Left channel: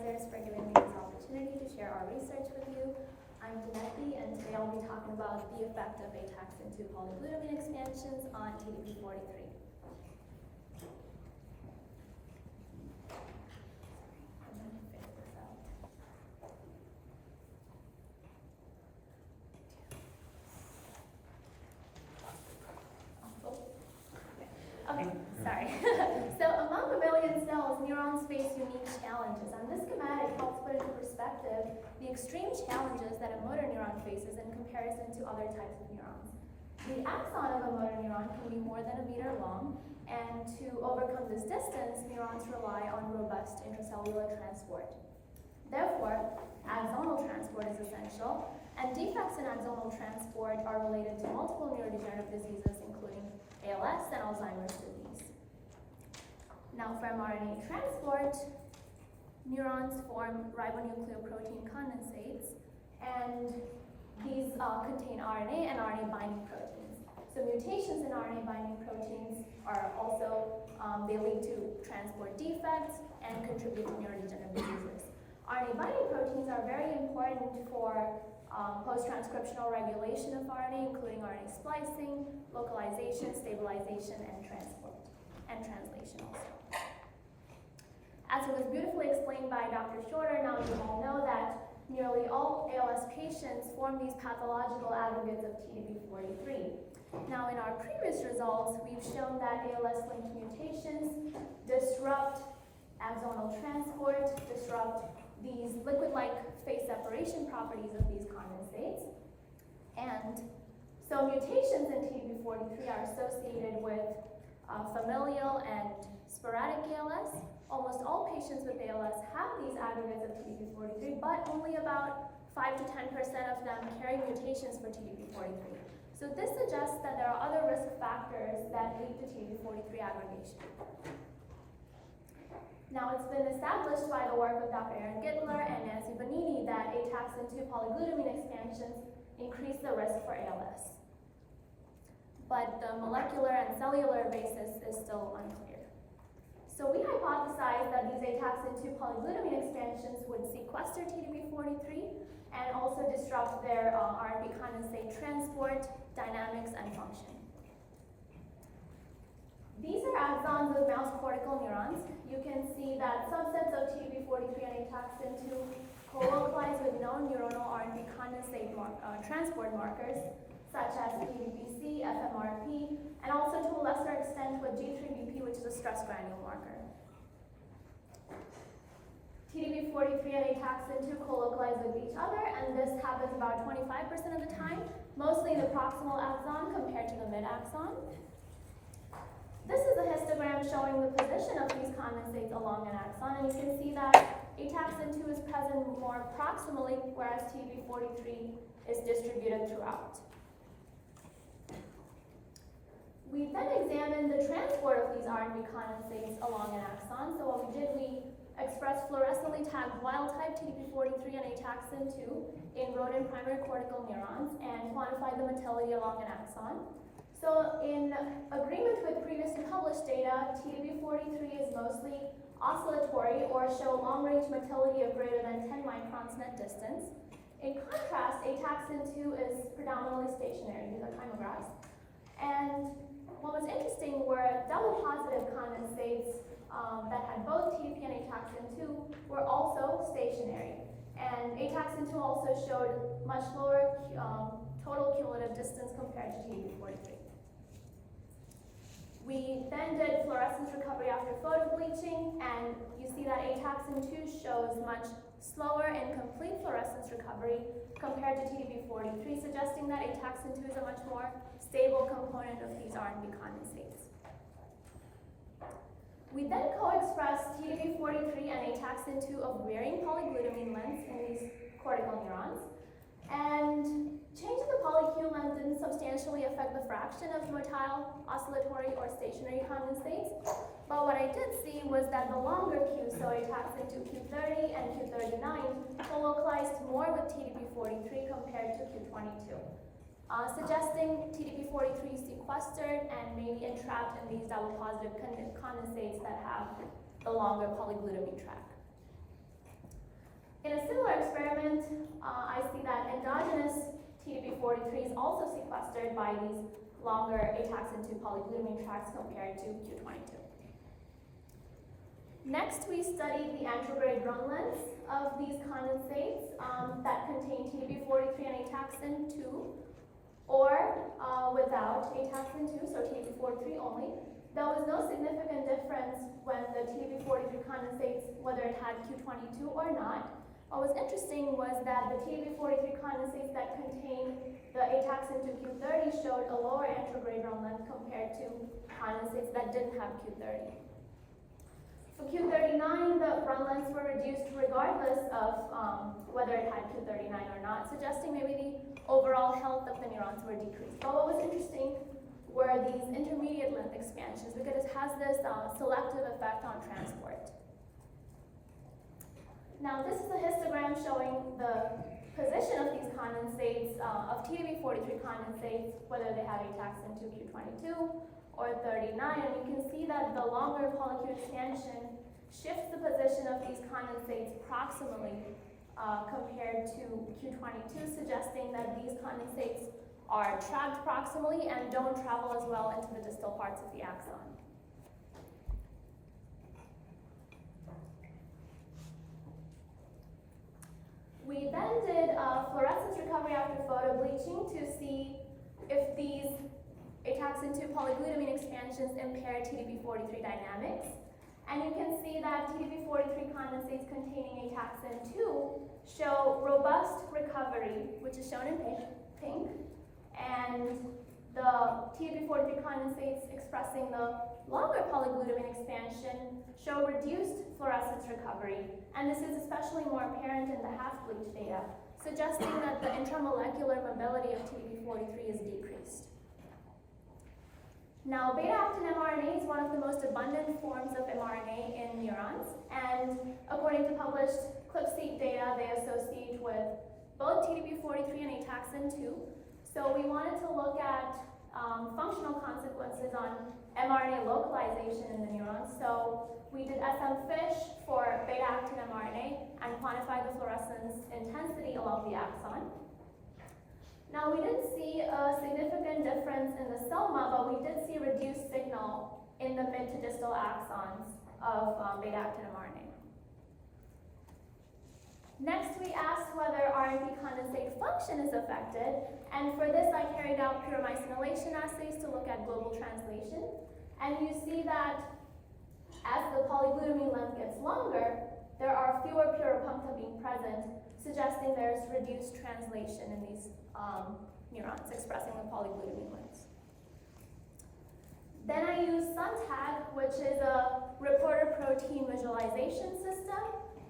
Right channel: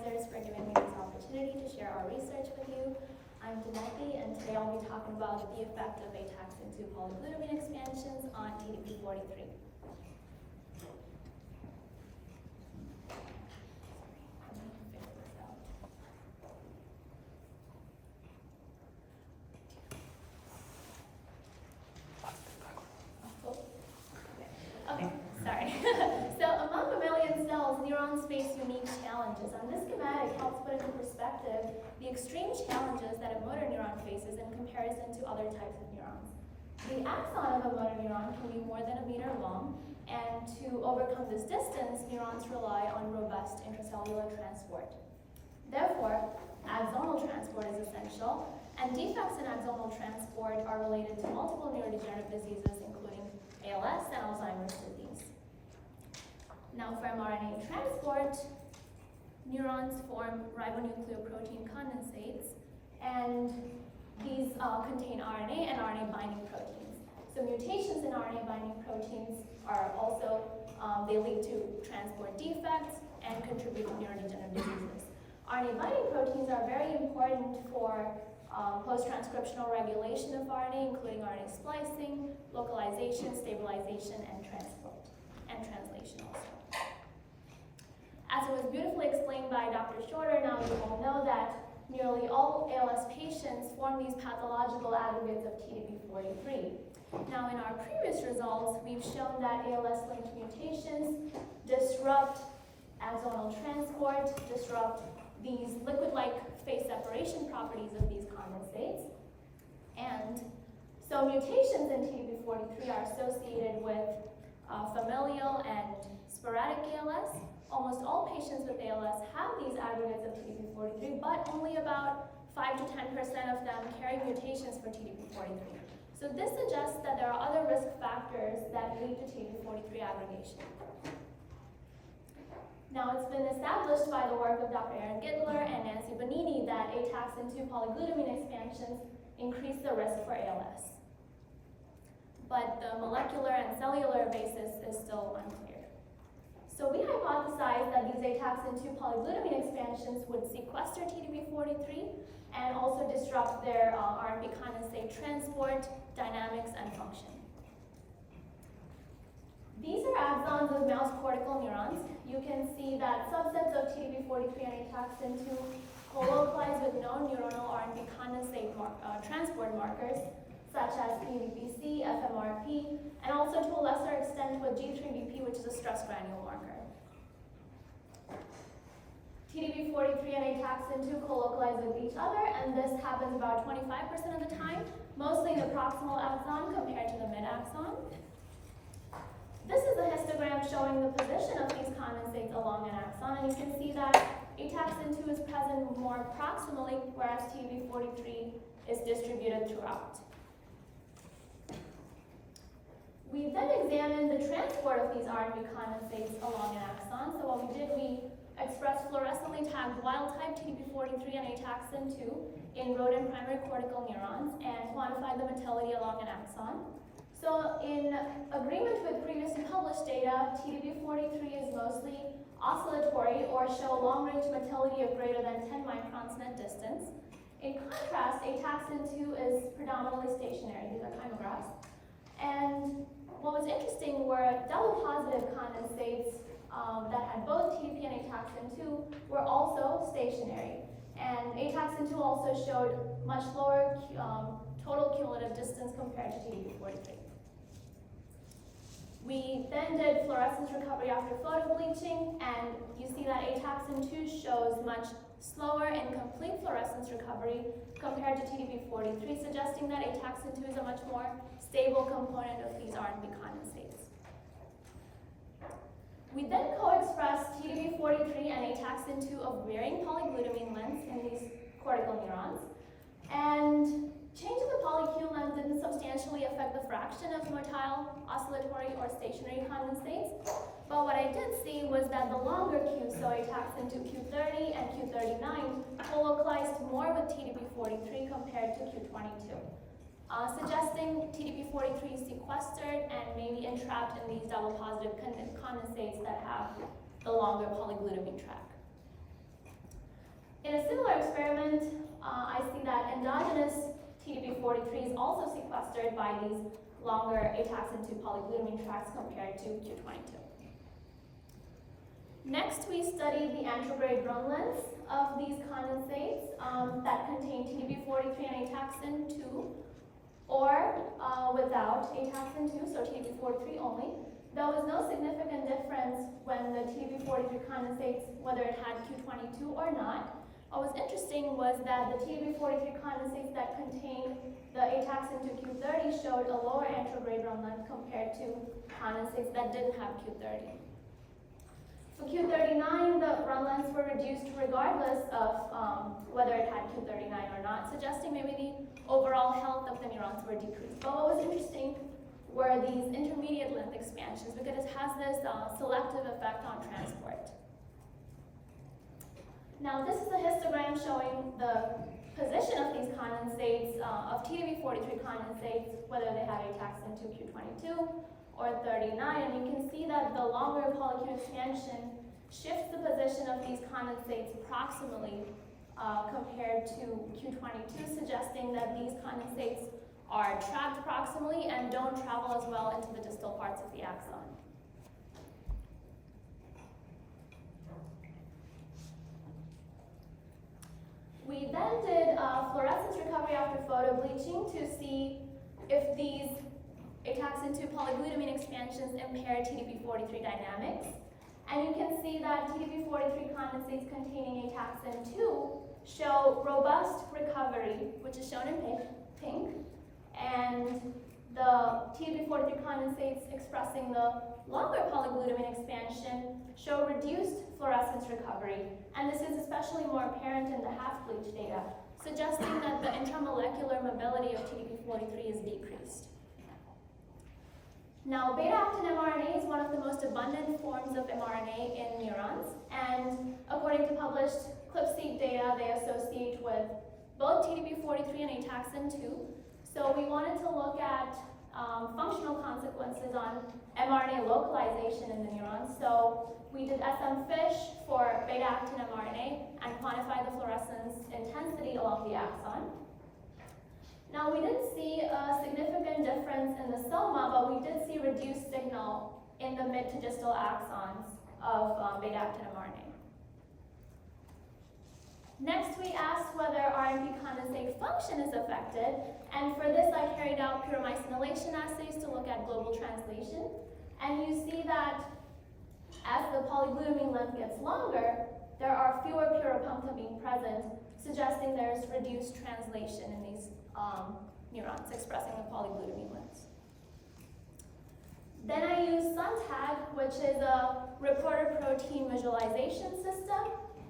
advisors, for giving me this opportunity to share our research with you. I'm Denepi, and today I'll be talking about the effect of ataxin-2 polyglutamine expansions on TDP-43. Okay, sorry. So among mammalian cells, neurons face unique challenges. And this schematic helps put into perspective the extreme challenges that a motor neuron faces in comparison to other types of neurons. The axon of a motor neuron can be more than 1 meter long, and to overcome this distance, neurons rely on robust intracellular transport. Therefore, axonal transport is essential, and defects in axonal transport are related to multiple neurodegenerative diseases, including ALS and Alzheimer's disease. Now, for mRNA transport, neurons form ribonucleoprotein condensates, and these contain RNA and RNA binding proteins. So mutations in RNA binding proteins are also, they lead to transport defects and contribute to neurodegenerative diseases. RNA binding proteins are very important for post-transcriptional regulation of RNA, including RNA splicing, localization, stabilization, and transport, and translation also. As it was beautifully explained by Dr. Shorter, now you all know that nearly all ALS patients form these pathological aggregates of TDP-43. Now, in our previous results, we've shown that ALS-linked mutations disrupt axonal transport, disrupt these liquid-like phase separation properties of these condensates. And so mutations in TDP-43 are associated with familial and sporadic ALS. Almost all patients with ALS have these aggregates of TDP-43, but only about 5 to 10% of them carry mutations for TDP-43. So this suggests that there are other risk factors that lead to TDP-43 aggregation. Now, it's been established by the work of Dr. Aaron Gittler and Nancy Bonini that ataxin-2 polyglutamine expansions increase the risk for ALS. But the molecular and cellular basis is still unclear. So we hypothesized that these ataxin-2 polyglutamine expansions would sequester TDP-43 and also disrupt their RNP condensate transport, dynamics, and function. These are axons of mouse cortical neurons. You can see that subsets of TDP-43 and ataxin-2 co-localize with known neuronal RNP condensate transport markers, such as PVPC, FMRP, and also to a lesser extent with G3BP, which is a stress granule marker. TDP-43 and ataxin-2 co-localize with each other, and this happens about 25% of the time, mostly in the proximal axon compared to the mid-axon. This is a histogram showing the position of these condensates along an axon, and you can see that ataxin-2 is present more proximally, whereas TDP-43 is distributed throughout. We then examined the transport of these RNP condensates along an axon. So what we did, we expressed fluorescently tagged wild-type TDP-43 and ataxin-2 in rodent primary cortical neurons and quantified the motility along an axon. So in agreement with previously published data, TDP-43 is mostly oscillatory or show long-range motility of greater than 10 microns net distance. In contrast, ataxin-2 is predominantly stationary. These are chymographs. And what was interesting were double positive condensates that had both TDP and ataxin-2 were also stationary. And ataxin-2 also showed much lower total cumulative distance compared to TDP-43. We then did fluorescence recovery after photobleaching, and you see that ataxin-2 shows much slower and complete fluorescence recovery compared to TDP-43, suggesting that ataxin-2 is a much more stable component of these RNP condensates. We then co-expressed TDP-43 and ataxin-2 of varying polyglutamine lengths in these cortical neurons, and change in the polyQ length didn't substantially affect the fraction of motile, oscillatory, or stationary condensates. But what I did see was that the longer Q, so ataxin-2 Q30 and Q39, co-localized more with TDP-43 compared to Q22, suggesting TDP-43 is sequestered and maybe entrapped in these double positive condensates that have the longer polyglutamine track. In a similar experiment, I see that endogenous TDP43 is also sequestered by these longer ataxin-2 polyglutamine tracks compared to Q22. Next, we studied the anterograde run lengths of these condensates that contain TDP43 and ataxin-2, or without ataxin-2, so TDP43 only. There was no significant difference when the TDP43 condensates, whether it had Q22 or not. What was interesting was that the TDP43 condensates that contained the ataxin-2 Q30 showed a lower anterograde run length compared to condensates that didn't have Q30. For Q39, the run lengths were reduced regardless of whether it had Q39 or not, suggesting maybe the overall health of the neurons were decreased. But what was interesting were these intermediate length expansions, because it has this selective effect on transport. Now this is a histogram showing the position of these condensates, of TDP43 condensates, whether they have ataxin-2 Q22 or 39, and you can see that the longer polyQ expansion shifts the position of these condensates proximally compared to Q22, suggesting that these condensates are trapped proximally and don't travel as well into the distal parts of the axon. We then did fluorescence recovery after photobleaching to see if these ataxin-2 polyglutamine expansions impair TDP43 dynamics. And you can see that TDP43 condensates containing ataxin-2 show robust recovery, which is shown in pink, and the TDP43 condensates expressing the longer polyglutamine expansion show reduced fluorescence recovery, and this is especially more apparent in the half-bleach data, suggesting that the intramolecular mobility of TDP43 is decreased. Now, beta-actin mRNA is one of the most abundant forms of mRNA in neurons, and according to published ClipSeq data, they associate with both TDP43 and ataxin-2. So we wanted to look at functional consequences on mRNA localization in the neurons. So we did SM-FISH for beta-actin mRNA and quantified the fluorescence intensity along the axon. Now, we didn't see a significant difference in the soma, but we did see reduced signal in the mid to distal axons of beta-actin mRNA. Next, we asked whether RNP condensate function is affected, and for this I carried out puromycinylation assays to look at global translation. And you see that as the polyglutamine length gets longer, there are fewer puropuncta being present, suggesting there's reduced translation in these neurons expressing the polyglutamine lengths. Then I used SUNTAG, which is a reporter protein visualization system,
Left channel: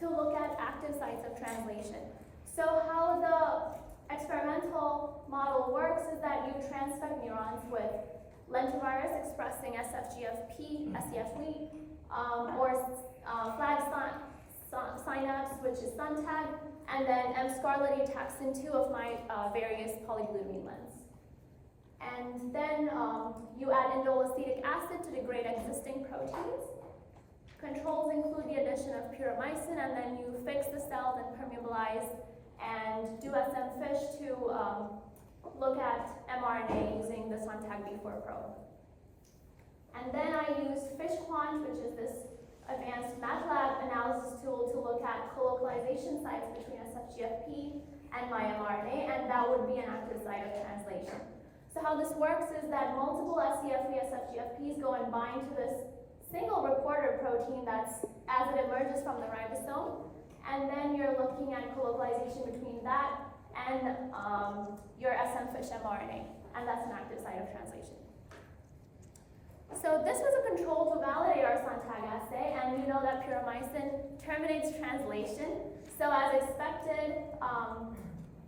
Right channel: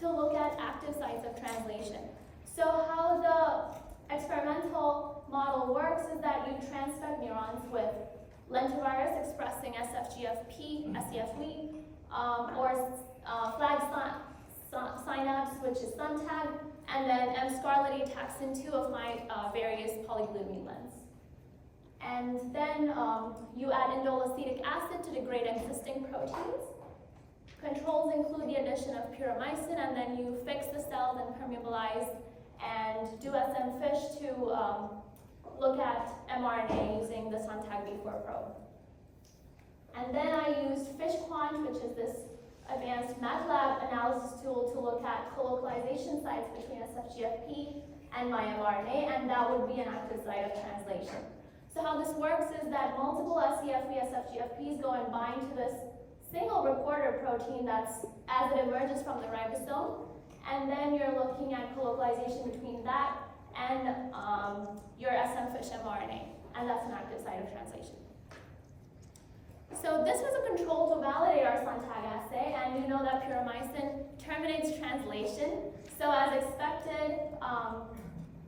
to look at active sites of translation. So how the experimental model works is that you transfect neurons with lentivirus expressing SFGFP, SCFWE, or flag synapse, which is SUNTAG, and then M-scarlet ataxin-2 of my various polyglutamine lengths. And then you add indole acetic acid to degrade existing proteins. Controls include the addition of puromycin, and then you fix the cells and permeabilize and do SM-FISH to look at mRNA using the SUNTAG B4 probe. And then I used FishQuant, which is this advanced MATLAB analysis tool to look at colocalization sites between SFGFP and my mRNA, and that would be an active site of translation. So how this works is that multiple SCFP, SFGFPs go and bind to this single reporter protein that's as it emerges from the ribosome, and then you're looking at colocalization between that and your SM-FISH mRNA, and that's an active site of translation. So this was a control to validate our SUNTAG assay, and you know that puromycin terminates translation. So as expected,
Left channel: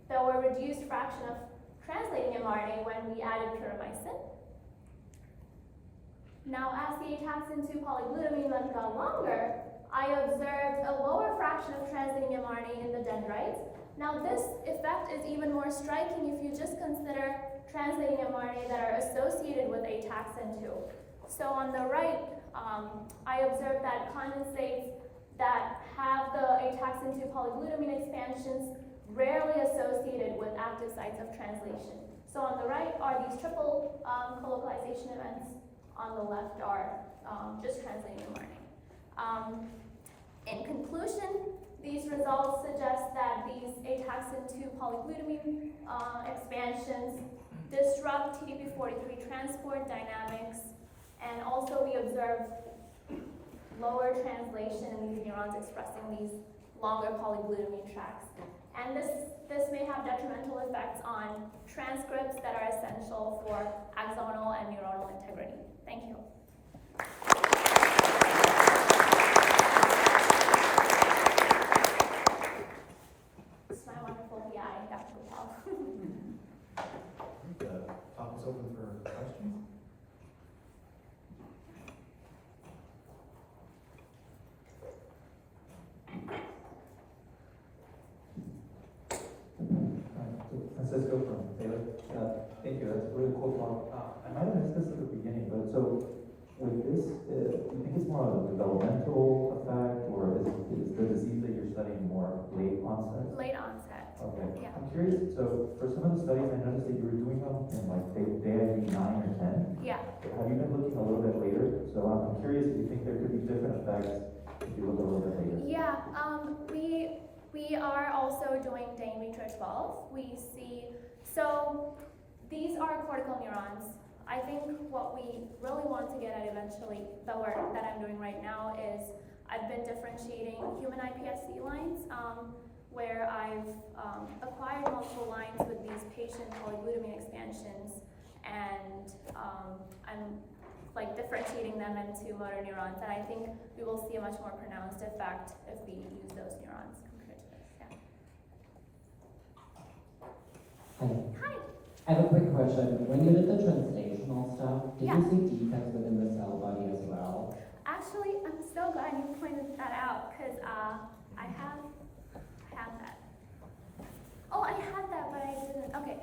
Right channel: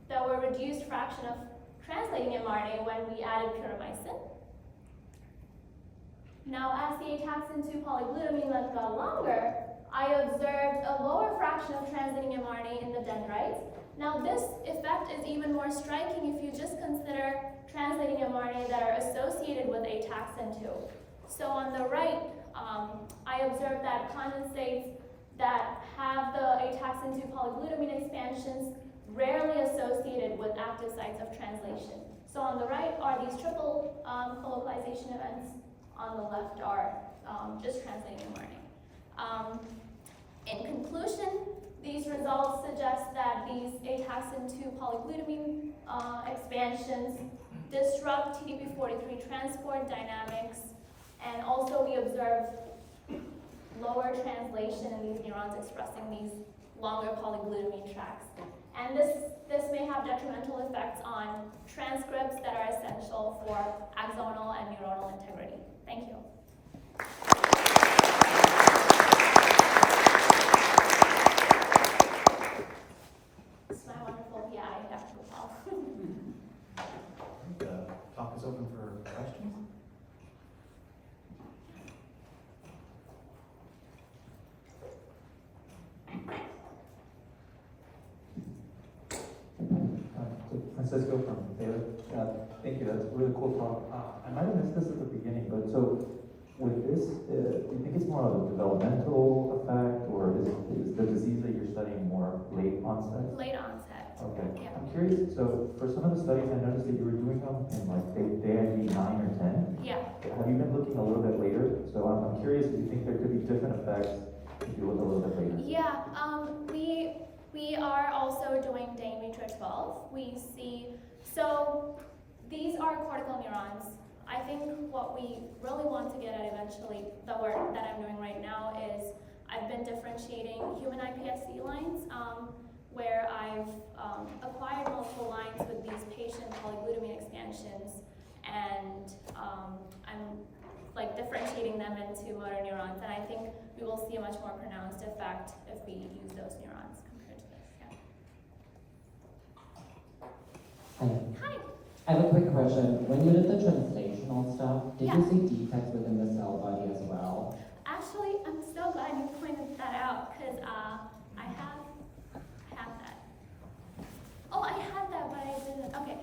there were reduced fraction of translating mRNA when we added puromycin. Now, as the ataxin-2 polyglutamine length got longer, I observed a lower fraction of translating mRNA in the dendrites. Now, this effect is even more striking if you just consider translating mRNA that are associated with ataxin-2. So on the right, I observed that condensates that have the ataxin 2 polyglutamine expansions rarely associated with active sites of translation. So on the right are these triple colocalization events. On the left are just translating and learning. In conclusion, these results suggest that these ataxin 2 polyglutamine expansions disrupt TDP-43 transport dynamics, and also we observe lower translation in these neurons expressing these longer polyglutamine tracks. And this may have detrimental effects on transcripts that are essential for axonal and neuronal integrity. Thank you. This is my wonderful PI, Dr. Gopal. The talk is open for questions. Francisco from Baylor. Thank you. That's a really cool talk. I might have missed this at the beginning, but so with this, do you think it's more of a developmental effect, or is the disease that you're studying more late onset? Late onset. Okay. Yeah. I'm curious. So for some of the studies, I noticed that you were doing them in like day 9 or 10. Yeah. Have you been looking a little bit later? So I'm curious if you think there could be different effects if you look a little bit later. Yeah. We are also doing day in vitro 12. We see, so these are cortical neurons. I think what we really want to get at eventually, the work that I'm doing right now, is I've been differentiating human iPSC lines, where I've acquired multiple lines with these patient polyglutamine expansions, and I'm like differentiating them into motor neurons, and I think we will see a much more pronounced effect if we use those neurons compared to this. Yeah. Hi. I have a quick question. When you did the translational stuff, did you see defects within the cell body as well? Actually, I'm so glad you pointed that out, because I have that. Oh, I had that, but I didn't. Okay.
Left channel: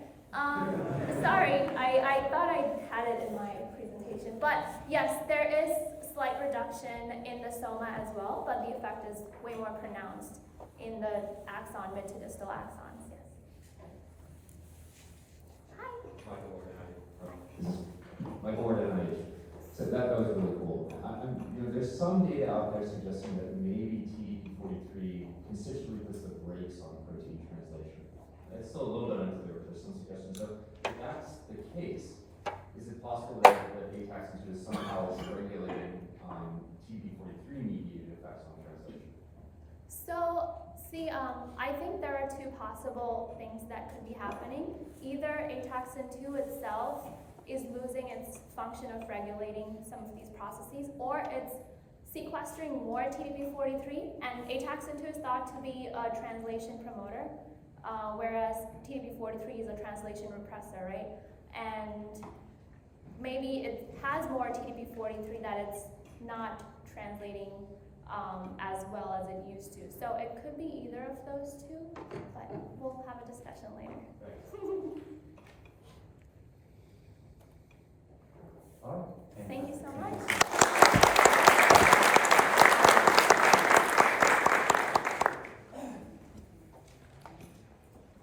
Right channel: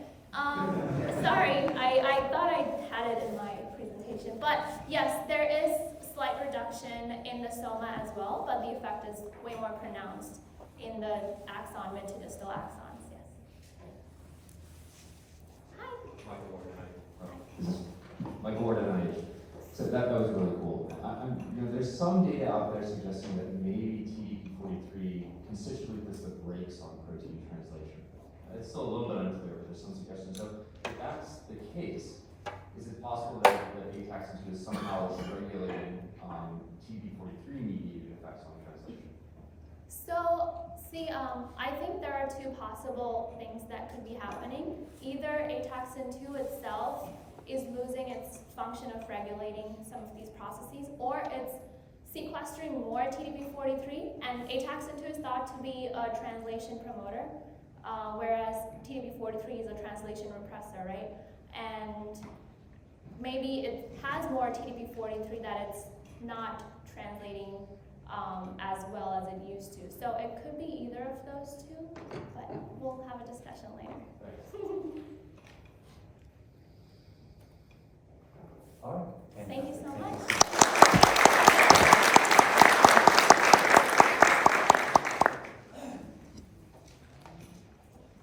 Sorry, I thought I had it in my presentation. But yes, there is slight reduction in the soma as well, but the effect is way more pronounced in the axon, mid to distal axons. Yes. Hi. Michael Ward, NIH. So that was really cool. There's some data out there suggesting that maybe TDP-43 constitutively puts the brakes on protein translation. It's still a little bit unclear, but there's some suggestions. So if that's the case, is it possible that ataxin 2 is somehow regulating TDP-43 mediated effects on translation? So, see, I think there are two possible things that could be happening. Either ataxin 2 itself is losing its function of regulating some of these processes, or it's sequestering more TDP-43, and ataxin 2 is thought to be a translation promoter, whereas TDP-43 is a translation repressor, right? And maybe it has more TDP-43 that it's not translating as well as it used to. So it could be either of those two, but we'll have a discussion later. All right. Thank you so much.